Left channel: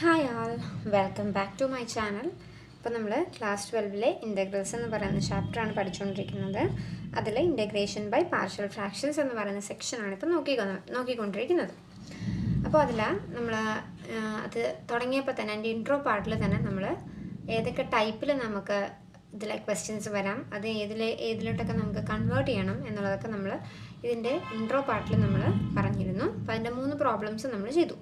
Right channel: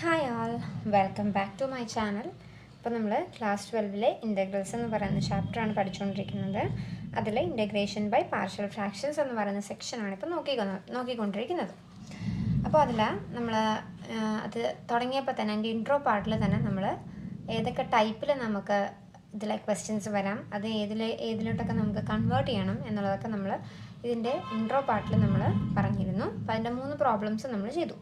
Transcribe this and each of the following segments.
Hi all, welcome back to my channel. ഇപ്പോൾ നമ്മൾ class 12 integrals എന്ന് പറയുന്ന ചാപ്റ്ററാണ് പഠിച്ചുകൊണ്ടിരിക്കുന്നത്. അതിൽ ഇൻ്റഗ്രേഷൻ ബൈ പാർഷ്യൽ ഫ്രാക്ഷൻസ് എന്ന് പറയുന്ന സെക്ഷനാണ് ഇപ്പോൾ നോക്കിക്കൊണ്ടിരിക്കുന്നത്. അപ്പോൾ അതിൽ നമ്മൾ അത് തുടങ്ങിയപ്പോൾ തന്നെ എൻ്റെ ഇൻട്രോ പാർട്ടിൽ തന്നെ നമ്മൾ ഏതൊക്കെ ടൈപ്പിൽ നമുക്ക് ഇതിലെ ക്വസ്റ്റ്യൻസ് വരാം, അത് ഏതിലോട്ടൊക്കെ നമുക്ക് കൺവേർട്ട് ചെയ്യണം എന്നുള്ളതൊക്കെ നമ്മൾ ഇതിൻ്റെ ഇൻട്രോ പാർട്ടിൽ നമ്മൾ പറഞ്ഞിരുന്നു. അപ്പോൾ അതിൻ്റെ 3 പ്രോബ്ലംസ് നമ്മൾ ചെയ്തു.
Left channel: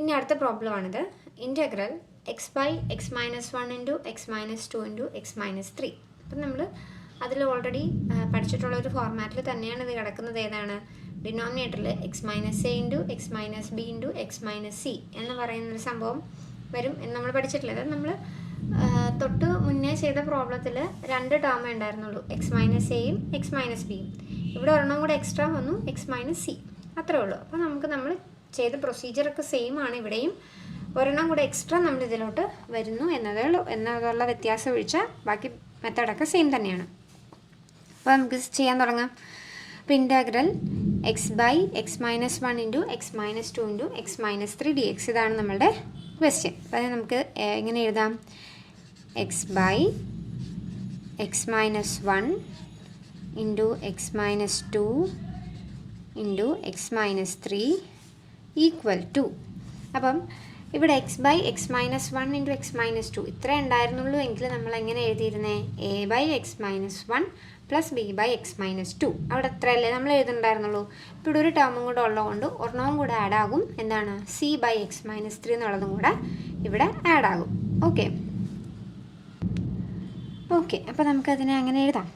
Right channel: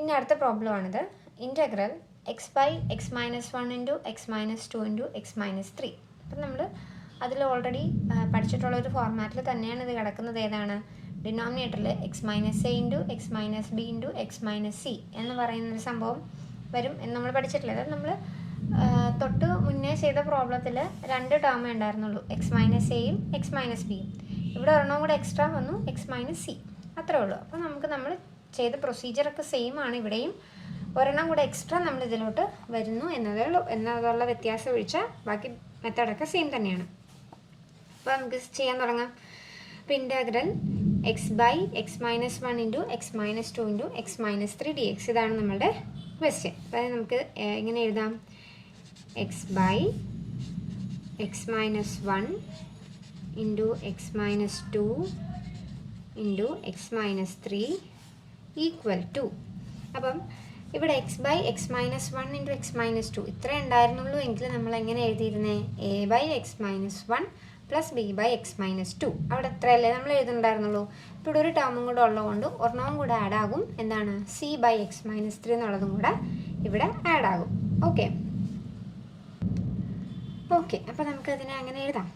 ഇനി അടുത്ത പ്രോബ്ലമാണിത്. Integral x by x minus 1 into x minus 2 into x minus 3. അപ്പം നമ്മൾ അതിൽ ഓൾറെഡി പഠിച്ചിട്ടുള്ളൊരു ഫോർമാറ്റിൽ തന്നെയാണ് ഇത് കിടക്കുന്നത്. ഏതാണ്? ഡിനോമിനേറ്ററിൽ X minus A into x minus B into x minus C എന്ന് പറയുന്നൊരു സംഭവം വരും എന്ന് നമ്മൾ പഠിച്ചിട്ടില്ല. അത് നമ്മൾ തൊട്ട് മുന്നേ ചെയ്ത പ്രോബ്ലത്തിൽ 2 ടേമേ ഉണ്ടായിരുന്നുള്ളൂ, എക്സ് മൈനസ് എയും എക്സ് മൈനസ് ബിയും. ഇവിടെ ഒരെണ്ണം കൂടെ എക്സ്ട്രാ വന്നു, എക്സ് മൈനസ് സി. അത്രേ ഉള്ളൂ. അപ്പോൾ നമ്മൾ ചെയ്ത പ്രൊസീജിയറൊക്കെ സെയിം ആണ്. ഇവിടെയും ഒരെണ്ണം കൂടെ എക്സ്ട്രാ നമ്മൾ ഇതിലോട്ട് വരുന്നു എന്നതുള്ള വ്യത്യാസം ഒഴിച്ചാൽ ബാക്കി മെത്തേഡൊക്കെ സെയിം തന്നെയാണ്. അപ്പോൾ നമുക്ക് ചെയ്യാൻ തുടങ്ങാം. അപ്പോൾ integral x by x minus 1 into x minus 2 into x minus 3 d x, ഇതാണ് നമ്മളുടെ ക്വസ്റ്റ്യൻ. അപ്പോൾ നമുക്ക് എങ്ങനെ എഴുതാം? X by x minus 1 into x minus 2 into x minus 3 equal to, അപ്പം ഇവിടെ x by x minus 1 into x minus 2 ഇത്ര ഉണ്ടായിരുന്നുള്ളൂ എങ്കിൽ നമ്മൾ എങ്ങനെ എഴുതിയിരുന്നേ? A by x minus 1 plus B by x minus 2. അവിടെ എത്രയല്ലേ നമ്മൾ എഴുതുന്നുണ്ടായിരുന്നുള്ളൂ. ഇപ്പോൾ ഇവിടെ ഒരു ടേമും കൂടെ ഉള്ളതുകൊണ്ട് ഒരെണ്ണവും കൂടെ ആഡ് ആകും. എന്താണ്? സി ബൈ എക്സ് മൈനസ് 3 എന്നുള്ളതും കൂടെ ഇവിടെ ആഡ് ആകും. ഓക്കെ, അപ്പോൾ നമുക്കതിനെ അങ്ങനെ എഴുതാം.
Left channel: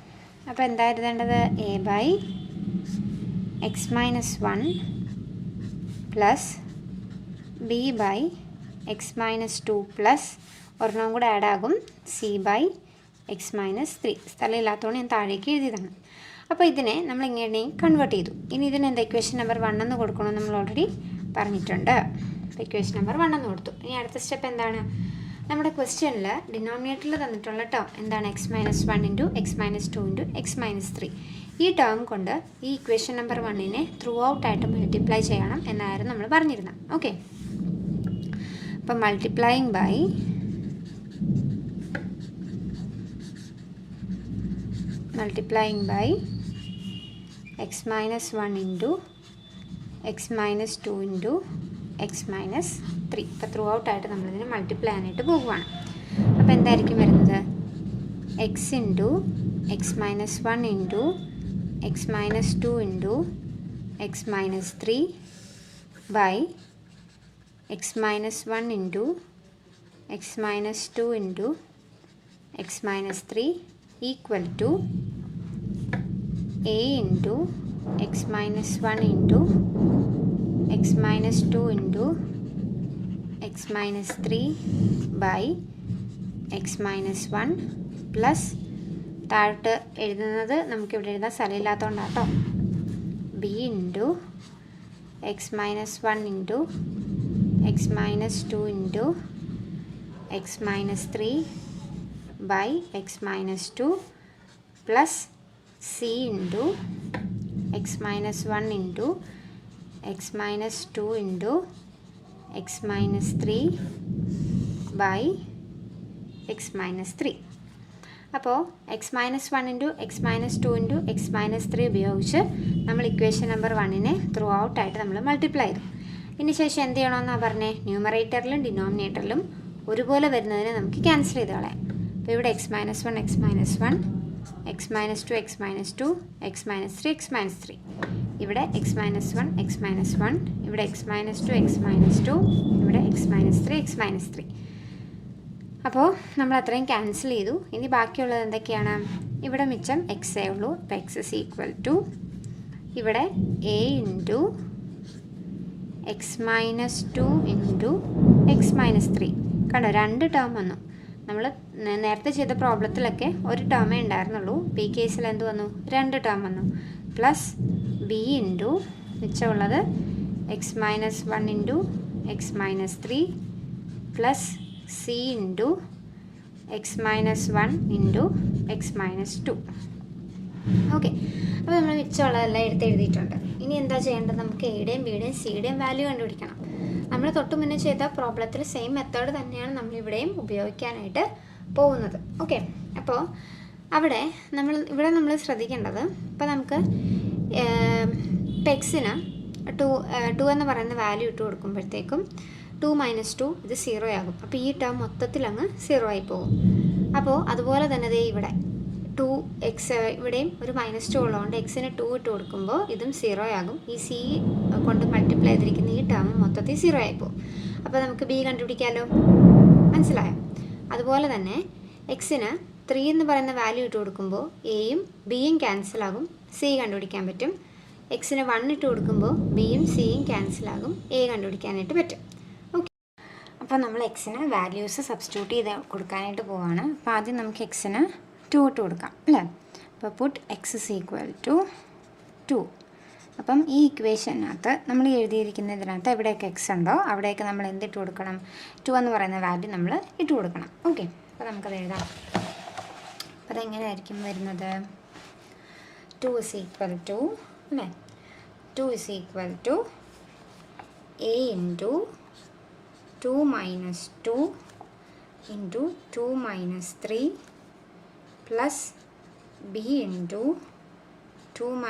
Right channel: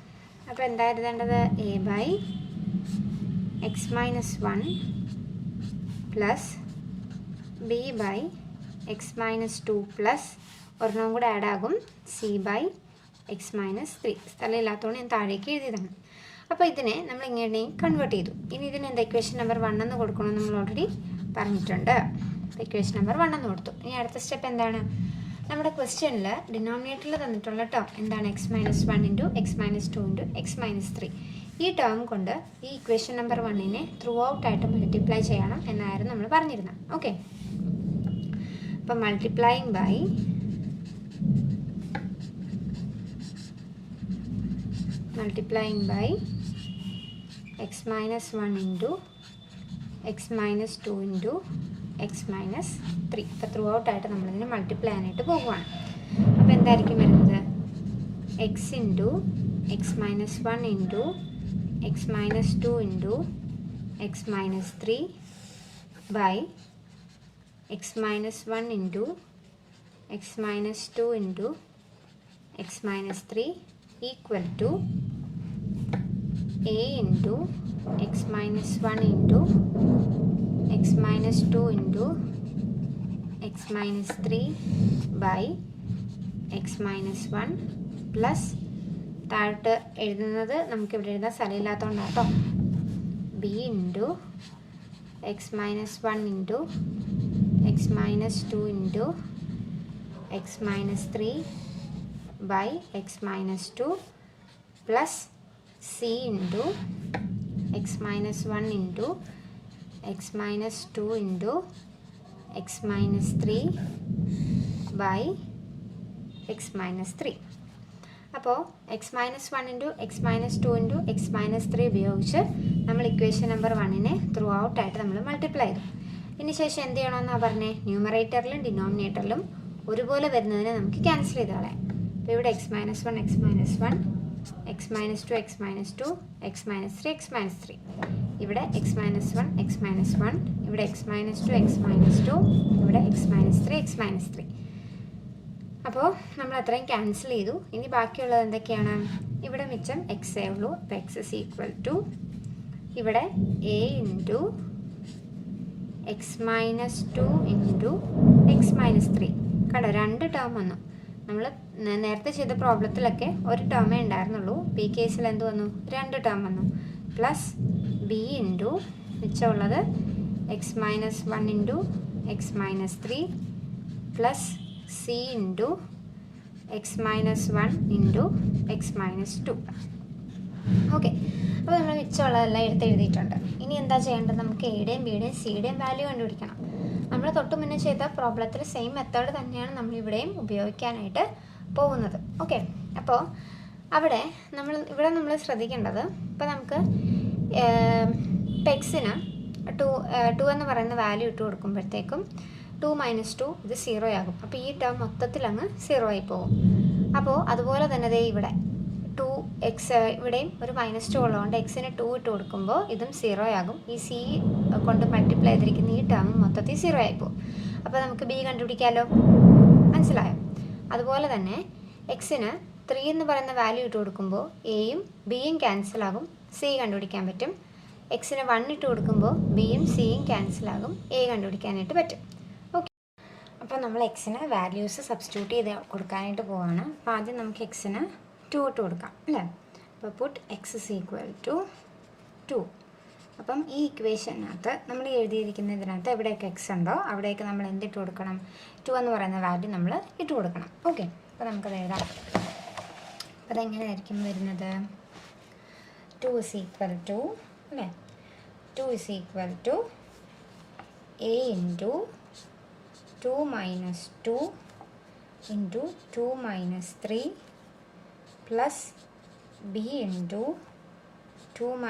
അപ്പോൾ എന്താ എഴുതേണ്ടത്? A by x minus 1 plus B by x minus 2 plus ഒരെണ്ണം കൂടെ ആഡ് ആകും, സി ബൈ എക്സ് മൈനസ് 3. സ്ഥലമില്ലാത്തതുകൊണ്ട് ഞാൻ താഴേക്ക് എഴുതിയതാണ്. അപ്പോൾ ഇതിനെ നമ്മൾ ഇങ്ങനെ കൺവേർട്ട് ചെയ്തു. ഇനി ഇതിനെന്താ ഇക്വേഷൻ നമ്പർ 1 എന്ന് കൊടുക്കണമെന്ന് നമ്മൾ ഓൾറെഡി പറഞ്ഞിട്ടുണ്ട്. ഇക്വേഷൻ നമ്പർ 1 എന്ന് കൊടുത്തു. ഇനി അടുത്ത സ്റ്റെപ്പ് എന്താണ്? നമ്മുടെ ക്വസ്റ്റ്യനിൽ ഡിനോമിനേറ്ററിൽ തന്നിട്ടുള്ള ടേം എന്താണ്? X minus 1 into x minus 2 into x minus 3. ഈ ടേം കൊണ്ട് ഈ ഇക്വേഷൻ നമ്പർ 1നെ ത്രൂ ഔട്ടായിട്ട് മൾട്ടിപ്ലൈ ചെയ്യണം എന്നായിരുന്നു നമ്മൾ പറഞ്ഞിരുന്നത്. ഓക്കെ, അപ്പം multiplying by x minus 1 into x minus 2 into x minus 3. ഇപ്പോൾ ത്രൂ ഔട്ടായിട്ട് നമ്മളിതിനെ മൾട്ടിപ്ലൈ ചെയ്യാനായിട്ട് പോകുവാണ്. അപ്പോൾ എന്തായിരിക്കും വരുന്നത്? X into x minus 1 into x minus 2 into x minus 3 by x minus 1 into x minus 2 into x minus 3 equal to A into x minus 1 into x minus 2 into x minus 3 by x minus 1 plus താഴോട്ട് എഴുതുന്നത് നമുക്കിവിടെ എഴുതാൻ സ്ഥലമില്ലാത്തതുകൊണ്ടാണ് കേട്ടോ. B into x minus 1 into x minus 2 into x minus 3 by x minus 2 plus C into x minus 1 into x minus 2 into x minus 3 by x minus 3. അപ്പോൾ x minus 1 into x minus 2 into x minus 3 ഉപയോഗിച്ച് നമ്മൾ equation number 1നെ through ഔട്ടായിട്ട് നമ്മൾ multiply ചെയ്തു. ഇനി ശേഷം എന്ത് ചെയ്യണമെന്നാണ് പറഞ്ഞത്? ന്യൂമറേറ്ററിലും ഡിനോമിനേറ്ററിലും ഒരുപോലെ വരുന്നതിനെ നമുക്ക് ക്യാൻസൽ ചെയ്ത് കളയാം. അപ്പോൾ ഇവിടെ X minus 1 X minus 1, X minus 2 X minus 2, X minus 3 X minus 3. ഇവിടെ എക്സ് മൈനസ് 1 എക്സ് മൈനസ് 1, ഇവിടെ എക്സ് മൈനസ് 2 എക്സ് മൈനസ് 2, ഇവിടെ എക്സ് മൈനസ് 3 എക്സ് മൈനസ് 3. അപ്പോൾ നമ്മൾ അത്രയും ക്യാൻസൽ ചെയ്തു. ഇനി ബാക്കിയുള്ളത് എന്തൊക്കെയാണ്? ഇവിടെ മിച്ചം എക്സ് എ ഉള്ളൂ. അപ്പോൾ എക്സ് ഇസ് ഈക്വൽ ടു ഇവിടെ A into x minus 2 into x minus 3. കണ്ടോ, 2 ടേം വന്നു. നമ്മൾ നേരത്തെ ചെയ്ത പ്രോബ്ലത്തിലൊക്കെ ഒരു ടേമേ ഉണ്ടായിരുന്നുള്ളൂ. ഈ കേസിൽ എന്ത് വന്നു? 2 ടേം വന്നു. പ്ലസ് ബി ഇൻറ്റു മിച്ചമുള്ളത് x minus 1 into x minus 3 plus C into x minus 1 into x minus 2. Okay, അപ്പോൾ നമ്മൾ മിച്ചമുള്ളതെല്ലാം എഴുതിയിട്ടുണ്ട്. ഇനി എന്താ ചെയ്യേണ്ടത്? നമുക്ക് എയുടെയും ബിയുടെയും സിയുടെയും വാല്യൂ കണ്ടുപിടിക്കണം. നമ്മൾ തൊട്ട് മുന്നേ ചെയ്ത പ്രോബ്ലത്തിൽ സെയിം മെത്തേഡ് തന്നെയാണ് നമ്മളിവിടെയും ഉപയോഗിക്കാനായിട്ട് പോകുന്നത്. ഓക്കെ, അപ്പോൾ ഇവിടെ നമ്മൾ ശ്രദ്ധിക്കേണ്ടത്, ഇപ്പോൾ നമുക്ക് ഇപ്പോൾ എക്സിന് 2 എന്ന് പറയുന്ന വാല്യൂ ഇട്ട് കൊടുക്കുമ്പോഴത്തേക്കും 2 - 2 ഇത് 0 ആകും. അപ്പോൾ ഈ ടേം മൊത്തത്തിൽ അങ്ങ് 0 ആയി പോകും. അപ്പോൾ അതുപോലെ തന്നെ ഇവിടെ 2x ഇവിടെയും ഒരു -2 ഉള്ളതുകൊണ്ട് എക്സിന് 2 ഇട്ട് കൊടുക്കുമ്പോൾ ഇതും 0 ആകും. ഈ സി കൊണ്ട് മൾട്ടിപ്ലൈ ചെയ്തിരിക്കുന്ന ഈ ടേം മൊത്തത്തിൽ 0 ആയി പോകും. അപ്പോൾ നമുക്ക് ബി കണ്ടുപിടിക്കാമല്ലോ. മനസ്സിലായോ? അതുപോലെ തന്നെ എക്സിന് 3 എന്ന് പറയുന്ന വാല്യൂ ഇട്ട് കൊടുക്കുമ്പോൾ എയും ബിയും ക്യാൻസലാകും, സി കണ്ടുപിടിക്കാൻ പറ്റും. എക്സിന് 1 ഇട്ട് കൊടുക്കുമ്പോൾ ബിയും സിയും ക്യാൻസലാകും, എ കണ്ടുപിടിക്കാനായിട്ട് പറ്റും. ഓക്കെ, അപ്പോൾ നമ്മൾ എക്സിന് വാല്യൂസ് സബ്സ്റ്റിറ്റ്യൂട്ട് ചെയ്ത് കൊടുക്കാനായിട്ട് പോവുകയാണ്. അപ്പോൾ ആദ്യം നമുക്ക് എക്സിന് 2 ഇട്ട് കൊടുക്കാം അല്ലേ. അപ്പോൾ put x is equal to 2. അപ്പം ഈ ഇക്വേഷനകത്ത് നമ്മൾ എഴുതിയിരിക്കുന്നതിനകത്ത് എവിടെയൊക്കെ എക്സ് ഉണ്ടോ അവിടെയൊക്കെ നമ്മൾ എന്തിട്ട് കൊടുക്കണം? 2 എന്ന് പറയുന്ന വാല്യൂ നമ്മൾ ഇട്ട് കൊടുക്കണം. ഓക്കെ, അപ്പോൾ നമുക്കത് എഴുതാം. അപ്പോൾ അതെങ്ങനെയായിരിക്കും വരുന്നത്? 2 ഇസ് ഈക്വൽ ടു അല്ലേ, 2 is equal to A into 2 - 2 into 2 - 3 plus B into 2 -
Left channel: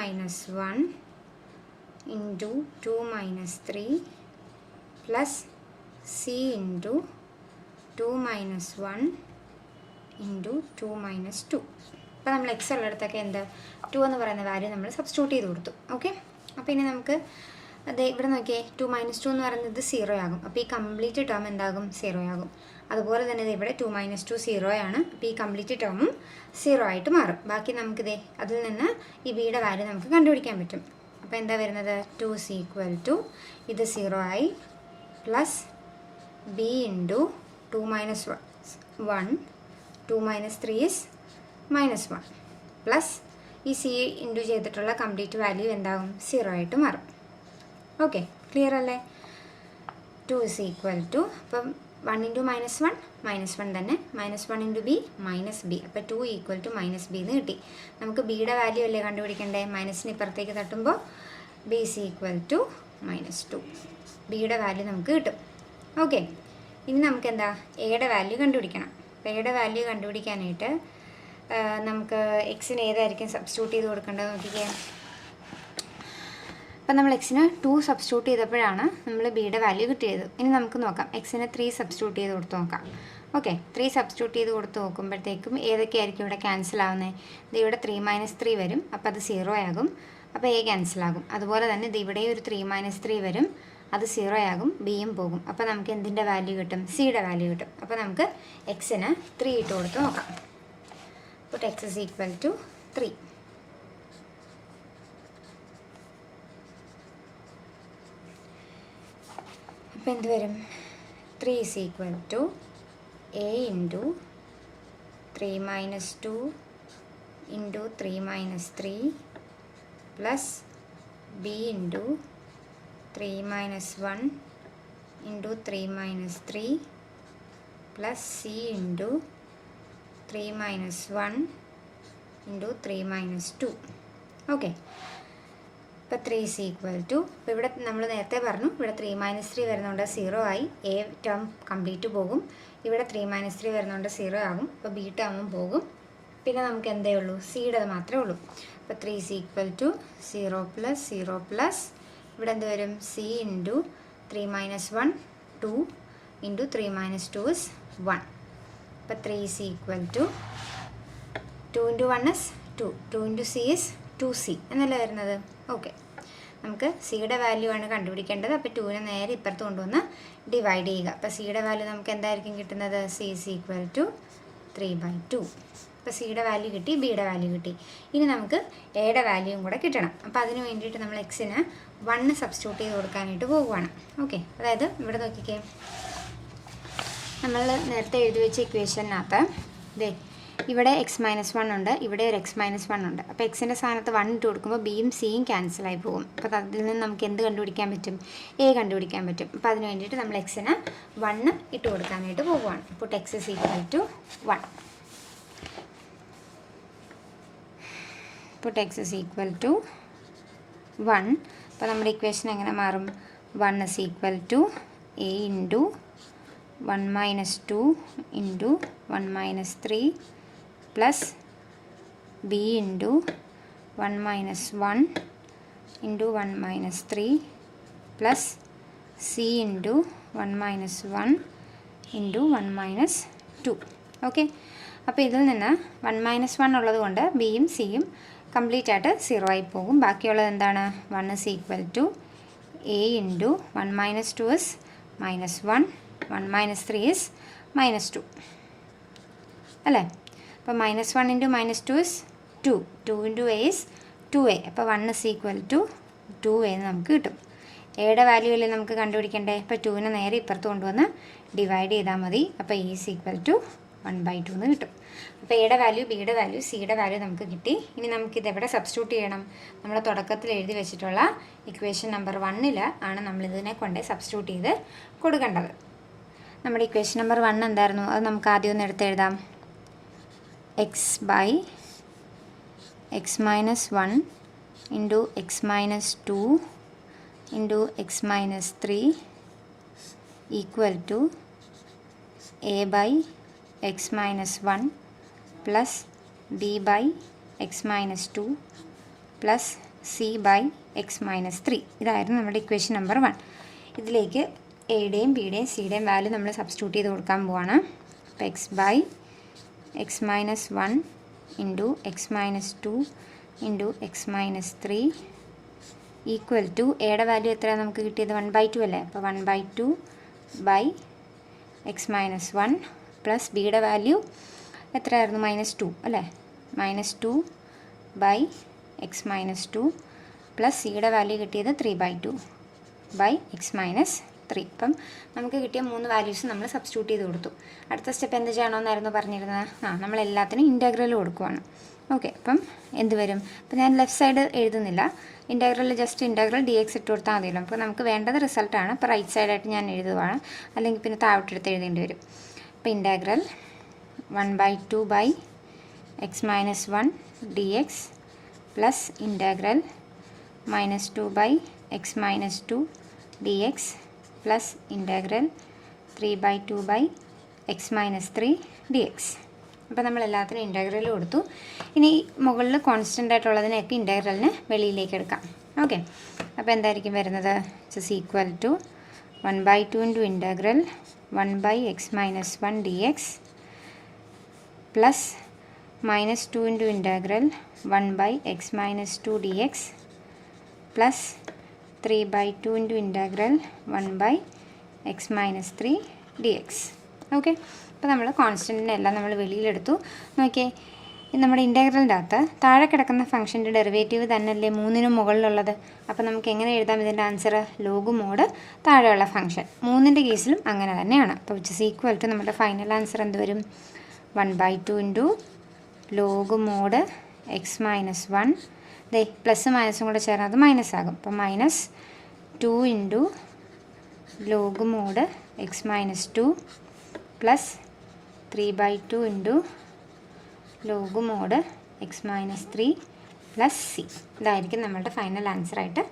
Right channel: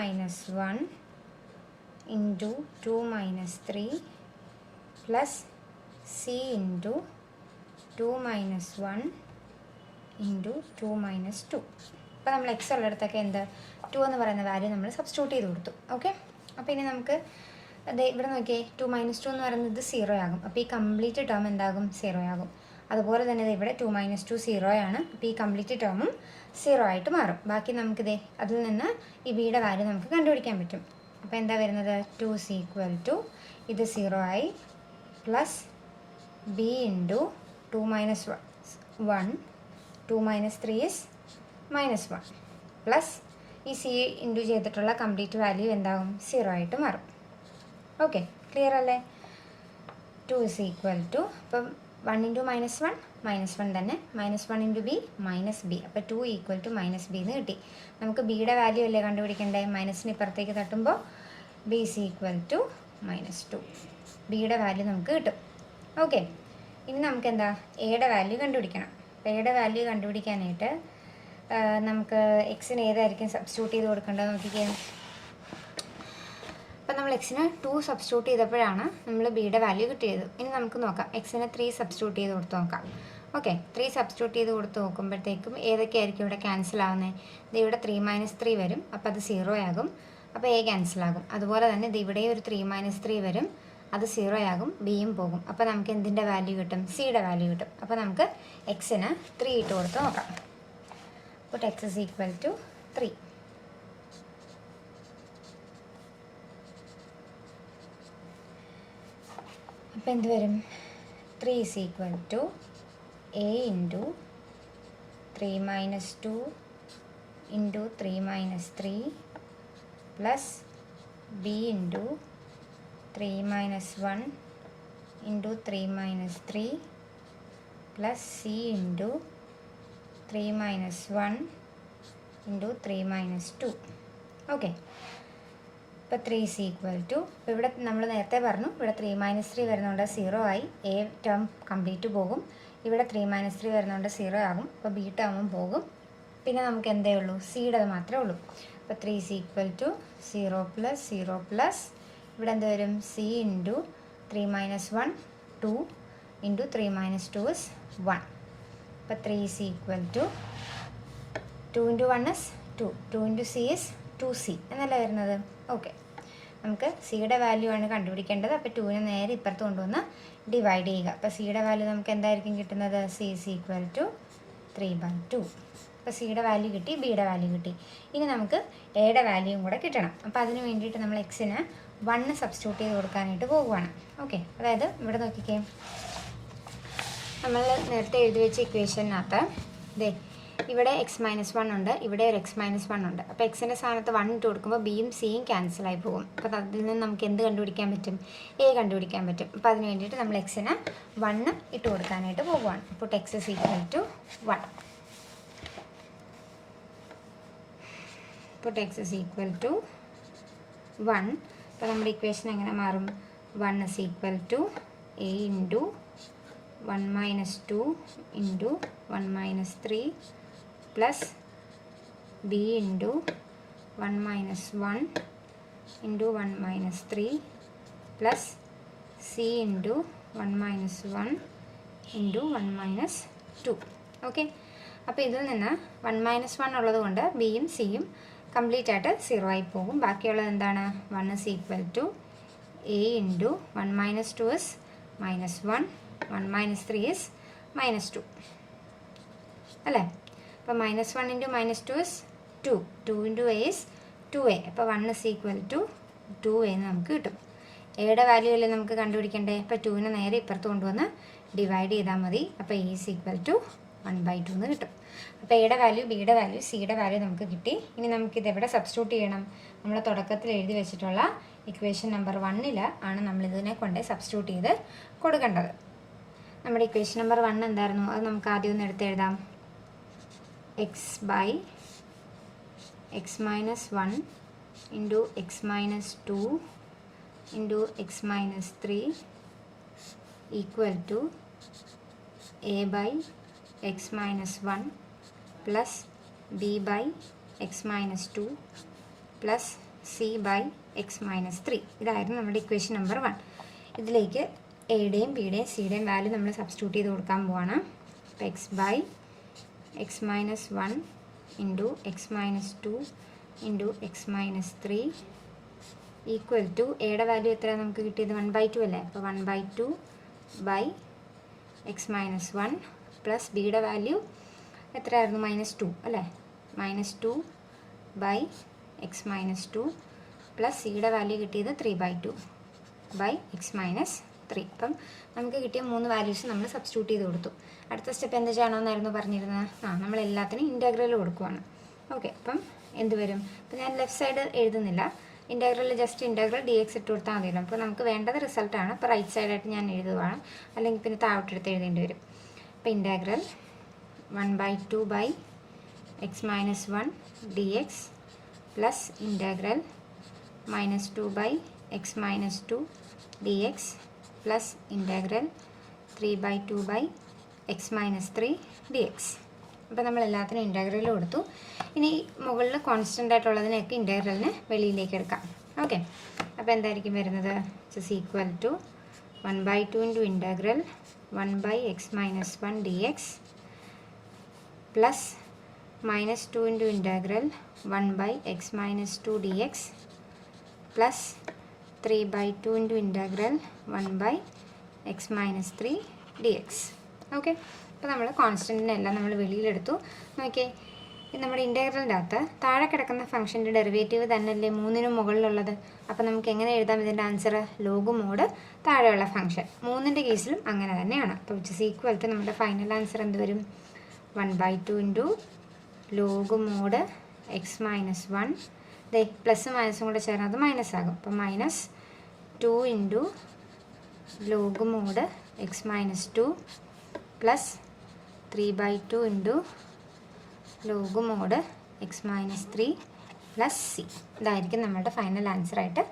1 into 2 - 3 plus C into 2 - 1 into 2 - 2. അപ്പോൾ നമ്മൾ എക്സ് ഉള്ളിടത്തൊക്കെ എന്ത് 2 എന്ന് പറയുന്ന വാല്യൂ നമ്മൾ സബ്സ്റ്റിറ്റ്യൂട്ട് ചെയ്ത് കൊടുത്തു. ഓക്കെ, അപ്പോൾ ഇനി നമുക്ക് അത് ഇവിടെ നോക്കിയേ, 2 - 2 എന്ന് പറയുന്നത് 0 ആകും. അപ്പോൾ ഈ കംപ്ലീറ്റ് ടേം എന്താകും? 0 ആകും. അതുപോലെ തന്നെ ഇവിടെ 2 - 2 0 ആണ്. അപ്പോൾ ഈ കംപ്ലീറ്റ് ടേമും 0 ആയിട്ട് മാറും. ബാക്കി നമുക്കിതേ അതിൽ നിന്ന് ഈ ബിയുടെ വാല്യൂ നമുക്ക് കണ്ടുപിടിക്കാൻ പറ്റും. അപ്പോൾ എന്താ വരുന്നത്? 2 ഇസ് ഈക്വൽ ടു ഇത് 0 ആയി plus B into 2 - 1 2 - 3 is -1 plus ഈ സി ഇൻറ്റു ചെയ്തിട്ടുള്ള കംപ്ലീറ്റ് വാല്യൂ എന്താകും? 0 ആയിട്ട് മാറും. ഓക്കെ, ക്ലിയർ അല്ലേ? 2 ഇസ് ഈക്വൽ ടു അപ്പം 1 ഇൻറ്റു -1 -1 തന്നെ, -1 ഇൻറ്റു ബി -b. അപ്പോൾ 2 ഈക്വൽ ടു -b എന്ന് കിട്ടി. നമുക്ക് ബിയുടെ വാല്യൂ അല്ലേ കണ്ടുപിടിക്കണ്ടേ? മൈനസിന് ഇപ്പുറത്തേക്ക് തട്ടുമ്പോൾ ബി ഇസ് ഈക്വൽ ടു -2. ബിയുടെ വാല്യൂ നമുക്ക് കിട്ടും. ഓക്കെ, ഇനി നമുക്ക് എന്താ എയുടെ വാല്യൂ കണ്ടുപിടിക്കണം. അപ്പോൾ എയുടെ വാല്യൂ കണ്ടുപിടിക്കാനായിട്ട് നമുക്ക് എക്സിന് ഏതായിരിക്കും സബ്സ്റ്റിറ്റ്യൂട്ട് ചെയ്ത് കൊടുക്കേണ്ടത് നോക്കിക്കേ. അപ്പം നമ്മൾ എക്സിന് 2 സബ്സ്റ്റിറ്റ്യൂട്ട് ചെയ്തപ്പോഴാണ് നമ്മൾ ബിയുടെ വാല്യൂ കിട്ടിയത്. ഇനി നമുക്ക് നോക്കാം, എക്സിന് 3 സബ്സ്റ്റിറ്റ്യൂട്ട് ചെയ്ത് കൊടുത്ത് നോക്കാം. ഓക്കെ, 3 സബ്സ്റ്റിറ്റ്യൂട്ട് ചെയ്ത് കൊടുത്ത് നോക്കുമ്പോഴത്തേക്കും ഏതൊക്കെയായിരിക്കും ഇവിടെ ക്യാൻസൽ ആവുന്നത്? ഇത് ഇവിടെ 3 - 3 വരും, അപ്പോൾ അത് 0 ആകും. അപ്പോൾ എ ക്യാൻസലാകും. അതുപോലെ തന്നെ ഇത് ഇവിടെ ഒരു 3 - 3 വരും, അത് 0 ആകും, ബിയും പോകും. അപ്പോൾ നമുക്ക് എന്തിൻ്റെ വാല്യൂ കിട്ടും? സിയുടെ വാല്യൂ കിട്ടും. അപ്പോൾ നമുക്ക് എക്സിന് 3 ഇട്ട് കൊടുത്ത് നോക്കാം. Put x is equal to 3. അപ്പോൾ എന്ത് വരും? 3 is equal to a into 3 - 2 into 3 - 3 plus b into 3 - 1 into 3 - 3 plus c into 3 - 1 into 3 - 2. Okay, ഇപ്പോൾ 3 is equal to, ഇപ്പോൾ ഇവിടെ നമ്മൾ നേരത്തെ പറഞ്ഞു ഇവിടെ 3 - 3 വരുന്നതുകൊണ്ട് 0 ആയി, എ ടേം കംപ്ലീറ്റ് പോകും. ഇവിടെ 3 - 3 വരുന്നതുകൊണ്ട് 0 ആകും, അപ്പോൾ ബി ടേമും പോകും. പിന്നെ നമുക്ക് എന്തേ ഉള്ളൂ? സിയുടെ മാത്രമേ ഉള്ളൂ. അപ്പോൾ 3 is equal to 0 plus 0 plus ഇവിടെ എന്ത് വരും? C into 3 - 1 2 into 3 - 2 is 1. അപ്പോൾ 3 is equal to 2 into 1 is 2, 2 into c is 2c എന്നല്ലേ വരുന്നത്. ഓക്കെ, നമുക്ക് സിയുടെ വാല്യൂ ആണ് കണ്ടുപിടിക്കേണ്ടത്. അപ്പോൾ 2നെ നേരെ ഇപ്പുറത്ത് കൊണ്ടുവന്ന് ഡിവൈഡ് ചെയ്യുക. അപ്പോൾ സിയുടെ വാല്യൂ നമുക്ക് എന്തായിരിക്കും കിട്ടുന്നത്? C is equal to 3/2. അപ്പോൾ സിയുടെ വാല്യൂ കിട്ടി, ബിയുടെ വാല്യൂ കിട്ടി. ഇനി നമുക്ക് എയുടെ വാല്യൂയും കൂടെ കിട്ടണം. അപ്പോൾ അതിന് വേണ്ടിയിട്ട് നമ്മൾ എക്സിന് 1 സബ്സ്റ്റിറ്റ്യൂട്ട് ചെയ്ത് കൊടുക്കാനായിട്ട് പോകുവാണ്. ഓക്കെ, അതായത് ഇവിടെ നോക്കിക്കേ, നമ്മൾ നേരത്തെ എഴുതി വെച്ച ഇക്വേഷനകത്ത് ഇതേ ഇവിടെ x - 1 ഉണ്ട്, ഇവിടെ ഒരു x - 1 ഉണ്ട്. അപ്പോൾ എക്സിൻ്റെ സ്ഥാനത്ത് 1 ഇട്ട് കൊടുക്കുമ്പോൾ ബിയും സിയും ക്യാൻസലായി പോകും. അപ്പോൾ അതിൽ നിന്ന് നമുക്ക് എന്ത് കണ്ടുപിടിക്കാൻ പറ്റും? എ കണ്ടുപിടിക്കാൻ പറ്റും. അപ്പോൾ അതിന് വേണ്ടിയിട്ട് നമ്മൾ എക്സിന് 1 ഇട്ട് കൊടുക്കാനായിട്ട് പോകുവാണ്. അപ്പോൾ x is equal to 1. Put x is equal to 1. അപ്പോൾ നമ്മുടെ ഇക്വേഷൻ എങ്ങനെ മാറും? 1 is equal to a into 1 minus 2 into 1 minus 3 plus b into 1 minus 1 into 1 minus 3 plus c into 1 minus 1 into 1 minus 2. Okay, അപ്പോൾ ഇതിൽ നിന്ന് 1 minus 1 ഉള്ളത് കൊണ്ട് ബിയും സിയും കംപ്ലീറ്റ് ആയിട്ട് 0 ആയി പോകും. ബാക്കിയുള്ളത് എന്താണ്? 1 is equal to a into 1 minus 2 is minus 1, 1 minus 3 is minus 2 അല്ലേ? അപ്പോൾ minus 1 into minus 2 is 2, 2 into A is 2a. അപ്പോൾ 1 ഇസ് ഈക്വൽ ടു 2a എന്ന് നമുക്ക് കിട്ടും. എയുടെ വാല്യൂ അല്ലേ നമുക്ക് കണ്ടുപിടിക്കണ്ടേ? അപ്പോൾ 2നെ നേരെ ഇപ്പുറത്ത് കൊണ്ടുവന്ന് ഡിവൈഡ് ചെയ്താൽ മതി. അപ്പോൾ e ഈസ് ഈക്വൽ ടു 1/2 എന്ന് കിട്ടും. അപ്പോൾ എയുടെ വാല്യൂ, ബിയുടെ വാല്യൂ, സിയുടെ വാല്യൂ നമുക്ക് കിട്ടി. ഇനി നമുക്കിത് എവിടെ സബ്സ്റ്റിറ്റ്യൂട്ട് ചെയ്യണം? നമ്മുടെ തുടക്കത്തിൽ എഴുതി വെച്ചിട്ടുള്ള ഇക്വേഷൻ നമ്പർ 1 ആണ് നമ്മളിതിനെ കൊണ്ട് സബ്സ്റ്റിറ്റ്യൂട്ട് ചെയ്ത് കൊടുക്കേണ്ടത്. നമ്മുടെ ഇക്വേഷൻ നമ്പർ 1 എന്തായിരുന്നു? അത് നമുക്ക് ആദ്യം ഒന്ന് എടുത്തെഴുതാം. X by x minus 1 into x minus 2 into x minus 3 equal to a by x minus 1 plus B by x minus 2 plus c by x minus 3. ഇതായിരുന്നു നമ്മുടെ ഇക്വേഷൻ നമ്പർ 1. ഇതിലേക്ക് എയുടെയും ബിയുടെയും സിയുടെയും വാല്യൂ നമ്മൾ സബ്സ്റ്റിറ്റ്യൂട്ട് ചെയ്ത് കൊടുക്കാൻ പോവാണ്. അപ്പോൾ x by x minus 1 into x minus 2 into x minus 3 equal to എയുടെ വാല്യൂ എത്രയാണ് നമുക്ക് കിട്ടിയത്? 1/2 അല്ലേ? അപ്പോൾ 1/2 ബൈ എക്സ് മൈനസ് 1 പ്ലസ് ബിയുടെ വാല്യൂ എത്രയായിരുന്നു? -2 അല്ലേ? -2 ബൈ എക്സ് മൈനസ് 2 പ്ലസ് സിയുടെ വാല്യൂ കിട്ടിയത് 3/2 ബൈ എക്സ് മൈനസ് 3. അപ്പം നമുക്ക് കിട്ടിയ 3 വാല്യൂസ് നമ്മൾ സബ്സ്റ്റിറ്റ്യൂട്ട് ചെയ്ത് കൊടുത്തു. അടുത്ത സ്റ്റെപ്പ് എന്ത് ചെയ്യണമെന്നായിരുന്നു പറഞ്ഞിരുന്നത്? നമ്മൾ എല്ലാത്തിനും ഇൻറ്റഗ്രൽ കൊടുക്കുവാണ്. ഓക്കെ, അപ്പം എന്ത് വരും? അപ്പം ഞാൻ ലെഫ്റ്റ് സൈഡ് എഴുതുന്നില്ല. ഇൻറ്റഗ്രൽ ജസ്റ്റ് ഇൻറ്റഗ്രൽ dx ഇട്ട് കൊടുത്താൽ മതിയല്ലോ. അപ്പോൾ നമുക്ക് വേണ്ടത് റിസൾട്ടാണ്. അപ്പോൾ റൈറ്റ് സൈഡായിട്ട് ഞാൻ എഴുതുവാണ്, അല്ലെങ്കിൽ പിന്നെ താഴോട്ടെടുത്ത് എഴുതേണ്ടി വരും. അപ്പോൾ integral 1/2 by x minus 1 dx plus integral -2 by x minus 2 dx plus integral 3/2 by x minus 3 dx. അപ്പോൾ നമ്മൾ എല്ലാത്തിനും ഇൻറ്റഗ്രൽ കൊടുത്തു. ഇനി മുകളിൽ കോൺസ്റ്റൻ്റ് ആയിട്ടുള്ളതിനെയൊക്കെ ഇൻറ്റഗ്രലിന് വെളിയിലേക്ക് എടുക്കാം. ഓക്കെ, അപ്പോൾ എന്തായിരിക്കും വരുന്നത്? It's equal to 1/2 into integral 1 by x minus 1 dx plus -2 into integral 1 by x minus 2 dx plus 3/2 into integral 1 by x minus 3 dx. Okay, അപ്പോൾ നമ്മൾ കോൺസ്റ്റൻറ്റിനെ എല്ലാം നമ്മൾ വെളിയിലെടുത്തു. നോക്കിയേ, നമ്മുടെ ഇൻറ്റഗ്രലിൻ്റെ അകത്ത് താഴെ കിടക്കുന്ന ഫംഗ്ഷൻ്റെ ഡെറിവേറ്റീവ് തന്നെയല്ലേ 3നും മുകളിലുള്ളത്. അപ്പോൾ നമുക്ക് എങ്ങനെ എഴുതാം ഇതിൻ്റെ ആൻസർ? ലോഗ് മോഡ് താഴെയുള്ള ഫംഗ്ഷൻ. 3ൻ്റെ കേസിലും അങ്ങനെ തന്നെയാണ്. അപ്പോൾ വിച്ച് ഇസ് ഈക്വൽ ടു നമ്മുടെ ഫൈനൽ ആൻസർ എന്ത് വരും? 1/2 into log mode X minus 1. ദേ പ്ലസ് മൈനസും കൂടെ ചേർന്നത് മൈനസ് ആകും. അപ്പോൾ -2 into log mode X minus 2 plus 3/2 into log mode X minus 3 plus C. ഇതായിരിക്കും നമ്മളുടെ ഫൈനൽ ആൻസറായിട്ട്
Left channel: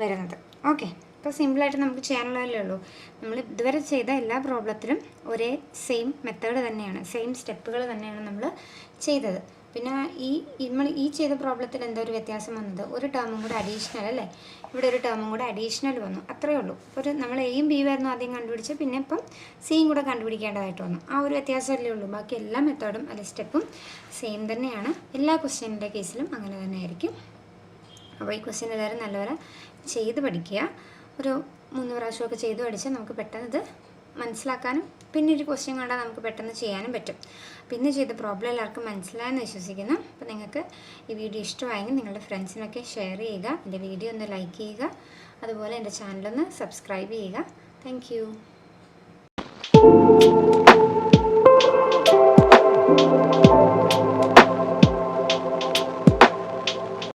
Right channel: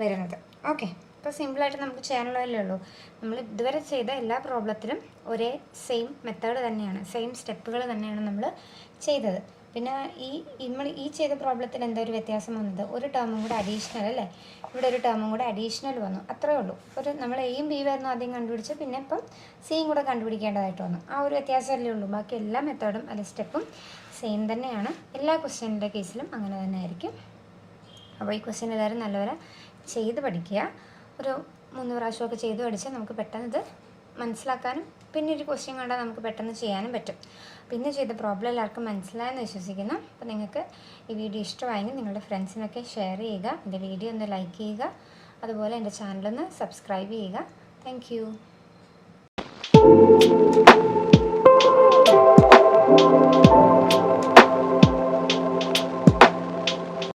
വരുന്നത്. ഓക്കെ, അപ്പോൾ സിമ്പിളായിട്ട് നമുക്ക് ചെയ്യാനുള്ളതല്ലേ ഉള്ളൂ. നമ്മൾ ഇതുവരെ ചെയ്ത എല്ലാ പ്രോബ്ലത്തിലും ഒരേ സെയിം മെത്തേഡ് തന്നെയാണ്, സെയിം സ്റ്റെപ്പുകൾ തന്നെയാണ് നമ്മൾ ചെയ്തത്. പിന്നെ നമ്മൾ ഈ ചെയ്ത പ്രോബ്ലത്തിൽ എന്താ ഒരു വ്യത്യാസം വന്നത്? ഒരു ടേമും കൂടെ അഡീഷണൽ അല്ലേ? ഇവിടെ ഒരു ടേമും കൂടെ അഡീഷണൽ വന്നു, അത്രയേ ഉള്ളൂ. നമ്മൾ എയും ബിയും ആയിരുന്നു ആദ്യം കണ്ടുപിടിച്ച്, പിന്നെ ഇപ്പം സിയും കൂടെ കണ്ടുപിടിക്കേണ്ടതായിട്ട് വന്നു. ആ ഒരു വ്യത്യാസമല്ലേ ഉള്ളൂ. ബാക്കി എല്ലാ മെത്തേഡും അല്ലെ സ്റ്റെപ്പും സെയിം തന്നെയാണ്. എല്ലാ ക്വസ്റ്റ്യൻ്റെ കേസിലും അങ്ങനെ തന്നെ ആയിരിക്കും. അപ്പോൾ ഈ ക്വസ്റ്റ്യൻ എല്ലാവരും നല്ലപോലെ ചെയ്ത് പഠിക്കുക. ഒരു 3 പ്രാവശ്യമൊക്കെ ചെയ്ത് പഠിച്ചാൽ നമുക്ക് പെട്ടെന്ന് ഇത് മനസ്സിലാക്കാനും പിന്നെ ഒരു ക്വസ്റ്റ്യൻ കണ്ടാൽ നമുക്ക് പെട്ടെന്ന് ചെയ്യാനും പറ്റും. പിന്നെ ചെയ്ത പ്രോബ്ലം എല്ലാവർക്കും മനസ്സിലായെന്ന് വിശ്വസിക്കുന്നു. അപ്പോൾ നിങ്ങൾക്ക് ഈ വീഡിയോ ഇഷ്ടമായെങ്കിൽ നിങ്ങളുടെ ഫ്രണ്ട്സിനൊക്കെ ഷെയർ ചെയ്യുക, എൻ്റെ വീഡിയോ ഒന്ന് ലൈക്ക് ചെയ്യുക, അതുപോലെ എൻ്റെ ചാനലൊന്ന് സബ്സ്ക്രൈബ് ചെയ്യുക. Thank you.